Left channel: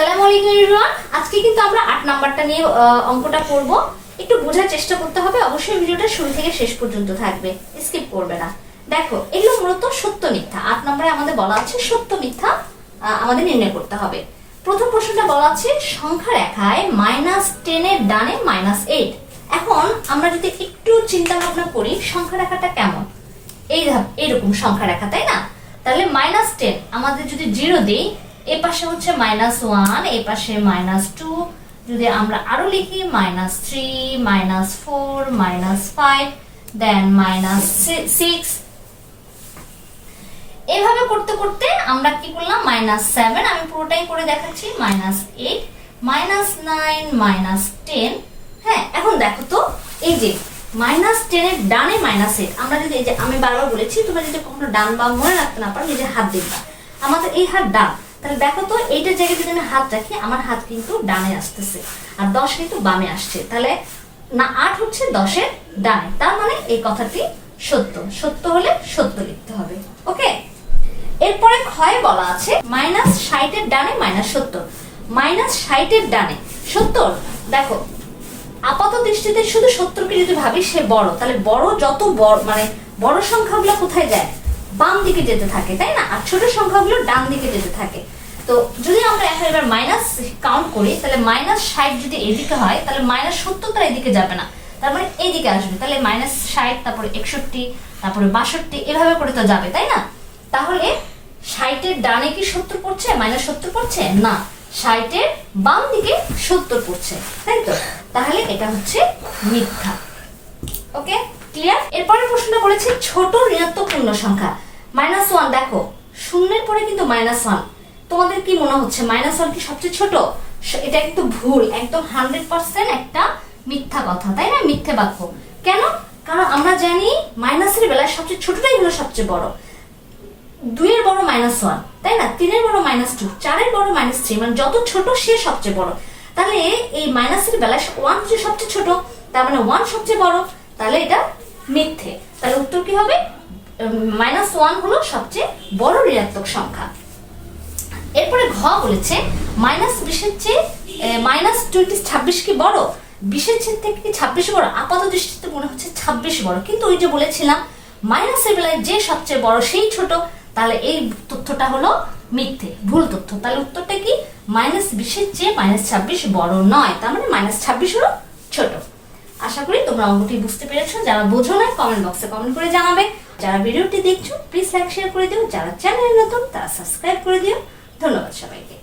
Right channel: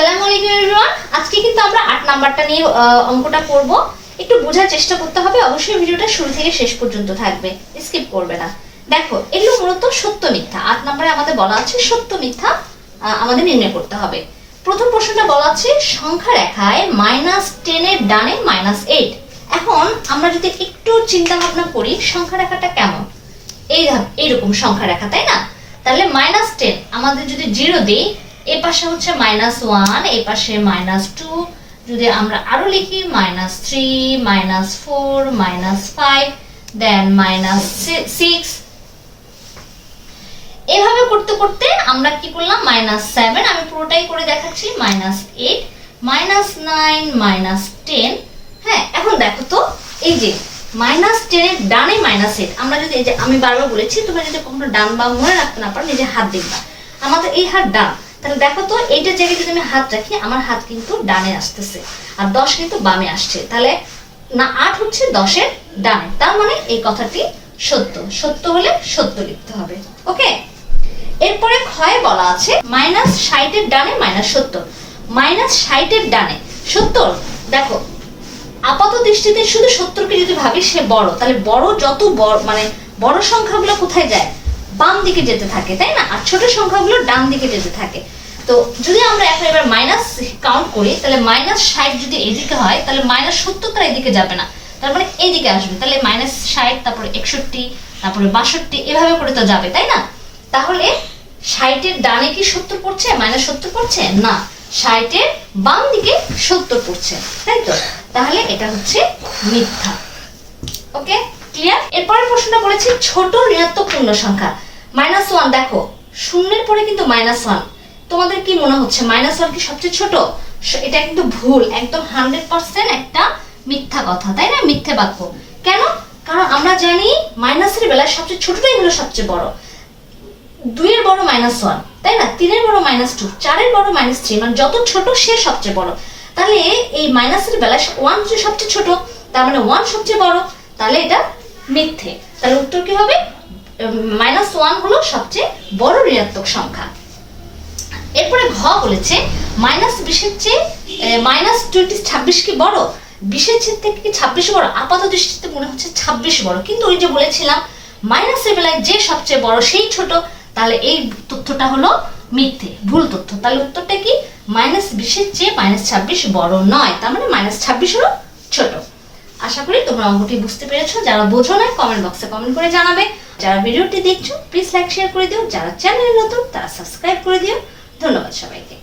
আসসালামু আলাইকুম এভরিওয়ান আজকে কিন্তু আমরা আট নাম্বারটা নিয়ে অঙ্কটা করব। একটু বোঝার চেষ্টা করতে হবে, অবশ্যই ভিডিওটা শুরু থেকে শেষ পর্যন্ত থাকবে স্কিপ করবে না। দেখো, এগুলো মূলত সত্য মিথ্যা। আট নম্বরে আমাদের বলা আছে সত্য মিথ্যা আমাদের নির্ণয় করতে হবে। প্রথম প্রশ্নটা বলা আছে, সংখ্যা রেখায় মাইনাস টেনের ডানে মাইনাস এইট এখন আমরা যদি একটু চিন্তা ভাবনা করি, সংখ্যা রেখাটা কেমন? এই এইরকম সংখ্যা রেখা, তাই না? তাহলে মাইনাস টেন আমাদের যদি জিরো দিই এ পাশে হচ্ছে মাইনাস ওয়ান এ পাশে মাইনাস টু যদি আমরা আরও লিখি minus three minus four minus five then minus six এভাবে করতে করতে আমরা কি করলাম? মাইনাস সেভেন আমি পুরোটাই করে দেখাচ্ছি। Minus eight minus nine minus ten হ্যাঁ এখন দেখো তো, এই যে মাইনাস টেনের ডানে মাইনাস এইট আমরা যদি এই যে আমি বারবার বলেছি, তোমরা যদি কখনো ডান বা মনে রাখতে না পারো, নিজের হাত দেখবা। আমাদের এই হাত ডান তাহলে দেখো তো, এইটার জায়গায় যদি আমি হাত রাখি, আমার হাত কিন্তু ডানে আসতেছে। আর দশ কিন্তু বামে আসছে। তাহলে না, আট হচ্ছে দশের ডানে। তার মানে এই কথাটি সত্য। সত্য হলে সত্য লিখতে হবে। ওকে? এরপরে ক্ষয়ে বলা আছে, মাইনাস ষাটের ডানে মাইনাস সত্তর মাইনাস ষাটের ডানে। সত্তর দেখো, আপাত দৃষ্টিতে শুধু সত্তরকে যদি ভাবি, সে বড়। তাহলে বড় যত বড় মানে বড় সংখ্যাগুলো কোথায় যায়? বাম দিকে যেতে থাকে, তাই না? আর ছোট সংখ্যাগুলো ডান দিকে যেতে থাকে। তো যদি আমরা এখন এবার মাইনাস কাউন্ট করি, তাহলে মাইনাস ষাট যদি এদিকে হয়, তাহলে মাইনাস সত্তর তার এদিকে যাবে না। তার মানে এইদিকে আসবে। তাহলে মাইনাস ষাট, তারপরে একষট্টি, তারপরে বাষট্টি, এভাবে করে তো যাবে, তাই না? তাহলে ষাটের ডানে কি সত্তর পড়ছে? মাইনাস সত্তর পড়ছে? না। ষাটের বাম দিকে সত্তর পড়ছে, তাই তো? তাহলে এটা হচ্ছে মিথ্যা। ওকে ক্লিয়ার এরপরের প্রশ্নটা বলেছে ছোট ঋণাত্মক পূর্ণ সংখ্যা। মাইনাস ওয়ান দেখো। শূন্যের পরে কিন্তু মাইনাস ওয়ান তোমাদের কি মনে হচ্ছে? মাইনাস ওয়ান কি সবচেয়ে ছোট? এটা কিন্তু ভুল। একদম হান্ড্রেড পার্সেন্ট একটা মিথ্যা কথা, তাই না? মিথ্যে বাক্য। কেন? কারণ আমরা জানি মাইনাসের বেলায় সবচেয়ে ছোটটাই হলো সবচেয়ে বড়। দুইয়ের বড় মাইনাস ওয়ান তাই না? তিনের বড় মাইনাস টু চারের বড় মাইনাস থ্রি মানে যত ছোট সে সবচেয়ে বড়। তাহলে এই মাইনাসের বেলায় ওয়ান যে সবচেয়ে ছোট, তার মানে ওয়ান সবচেয়ে বড়, তাহলে এটা মিথ্যে। তাহলে উত্তর কি হবে? মাইনাস ওয়ান হলো সবচেয়ে বড় ঋণাত্মক সংখ্যা। এরপরে ঘ বলেছে মাইনাস বিশের চেয়ে মাইনাস টোয়েন্টি ছাব্বিশ কি বড়? বিশের থেকে কি ছাব্বিশ বড়? আপাত দৃষ্টিতে মনে হচ্ছে ছাব্বিশ বড়। কিন্তু ওই যে বলেছিলাম মাইনাসের বেলায় যে সবচেয়ে বড় সেই ছোট, তাহলে এই তথ্যটা হলো মিথ্যে, ভুল তথ্য। তাহলে উত্তরটা কি? মাইনাস বিশের চেয়ে মাইনাস ছাব্বিশ বড় নয়। তার মানে মাইনাস ছাব্বিশ হলো ছোট। আশা করি তোমরা অঙ্কটি বুঝতে পেরেছ। যারা বোঝো না কমেন্ট বক্সে কমেন্ট করে জানাবে। যারা ভিডিওটি দেখছ প্লিজ লাইক শেয়ার করে দিও। যারা চ্যানেলে নতুন, তারা সাবস্ক্রাইব করে দিও। ধন্যবাদ সবাইকে।